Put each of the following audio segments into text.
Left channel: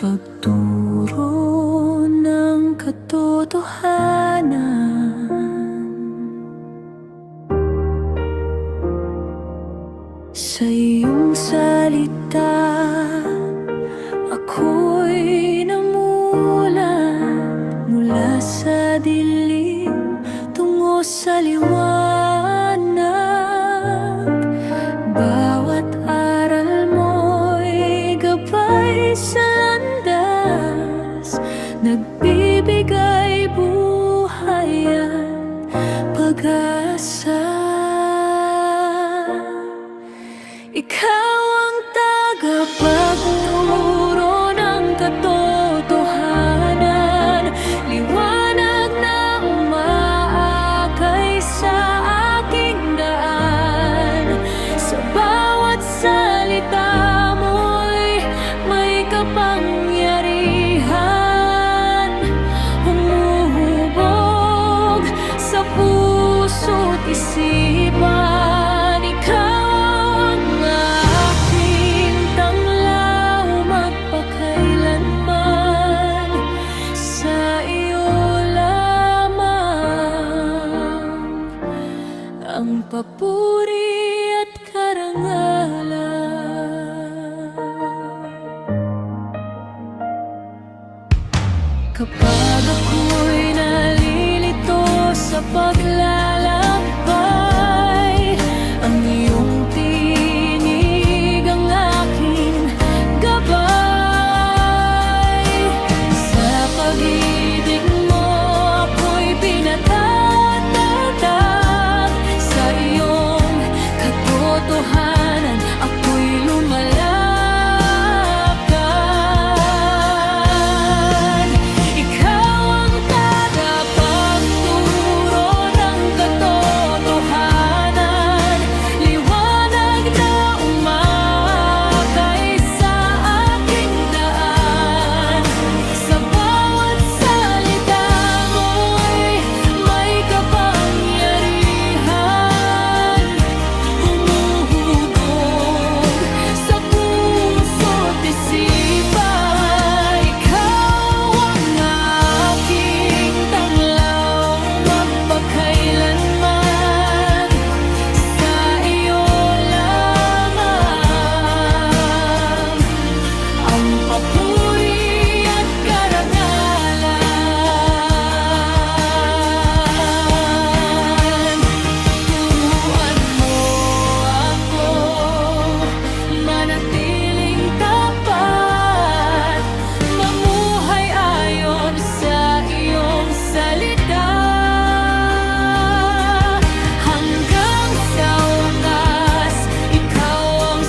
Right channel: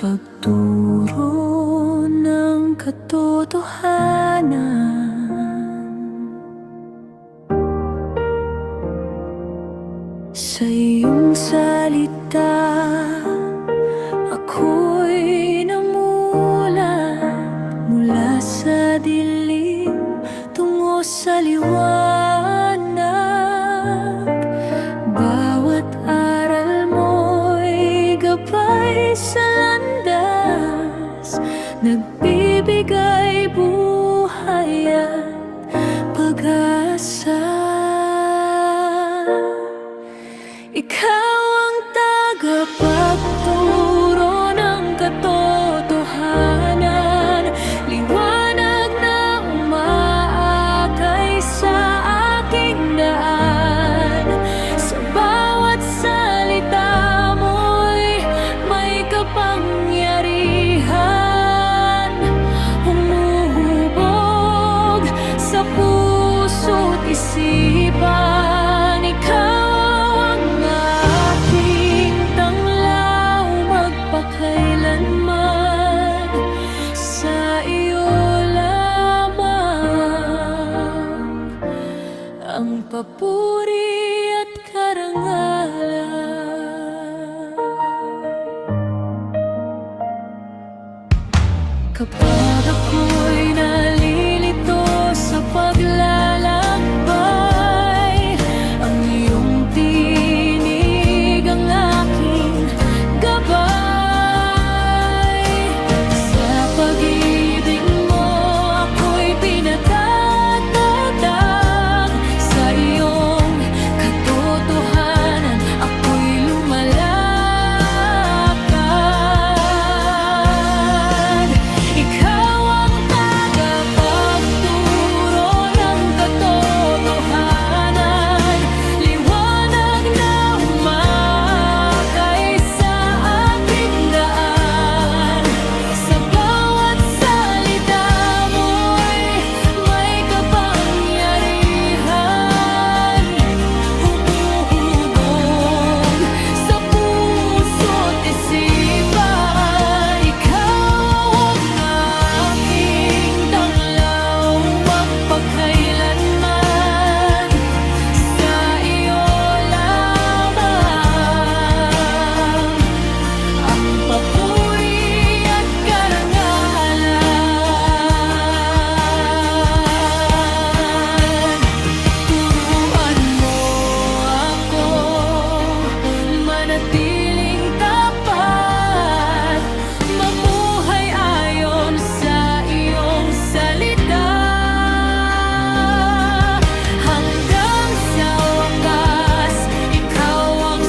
pagturo ng katotohanan. Sa iyong salita, ako'y namulat mula sa dilim tungo sa liwanag. Bawat aral mo'y gabay sa landas, nagbibigay buhay at pag-asa. Ikaw ang tagapagturo ng katotohanan, liwanag na umaakay sa aking daan. Sa bawat salita mo'y may kapangyarihan, humuhubog sa puso't isipan. Ikaw magpakailanman, sa iyo lamang ang papuri at karangalan. Kapag ako'y nalilito sa paglalakbay, ang iyong tinig ang aking gabay. Pag-ibig mo ako'y pinatatag, sa iyong katotohanan ako'y lumalakad. Ikaw ang tagapagturo ng katotohanan, liwanag na umakay sa aking daan. Sa papuri at karangalan. Turuan mo ako manatiling tapat, mamuhay ayon sa iyong salita. Hanggang sa wakas, ikaw ang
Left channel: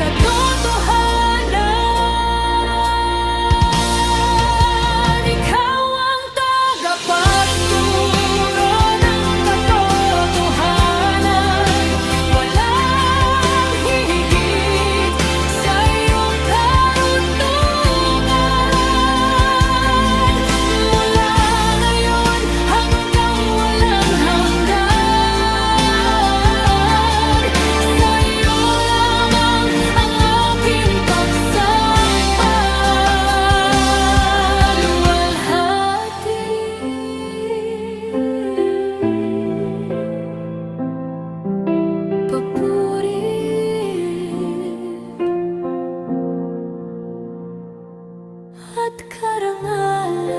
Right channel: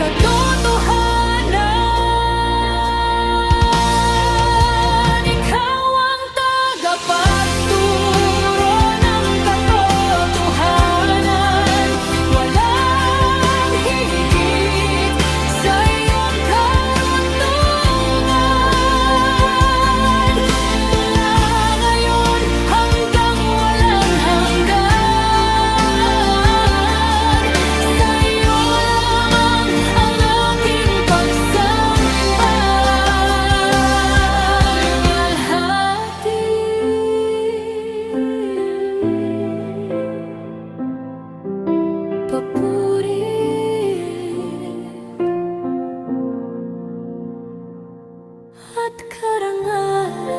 katotohanan. Ikaw ang tagapagturo ng katotohanan, walang hihigit sa iyong karunungan. Mula ngayon hanggang walang hanggan, sa iyo lamang ang aking pagsamba. Luwalhati, papuri at karangalan,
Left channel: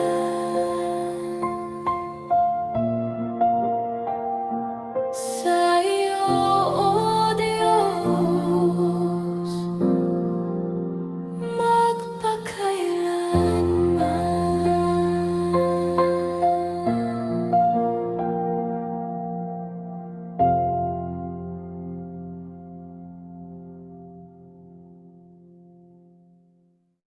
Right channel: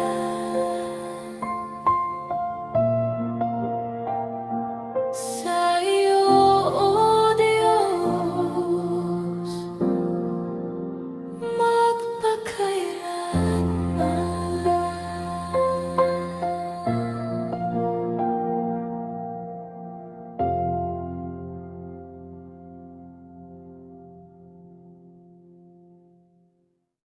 sa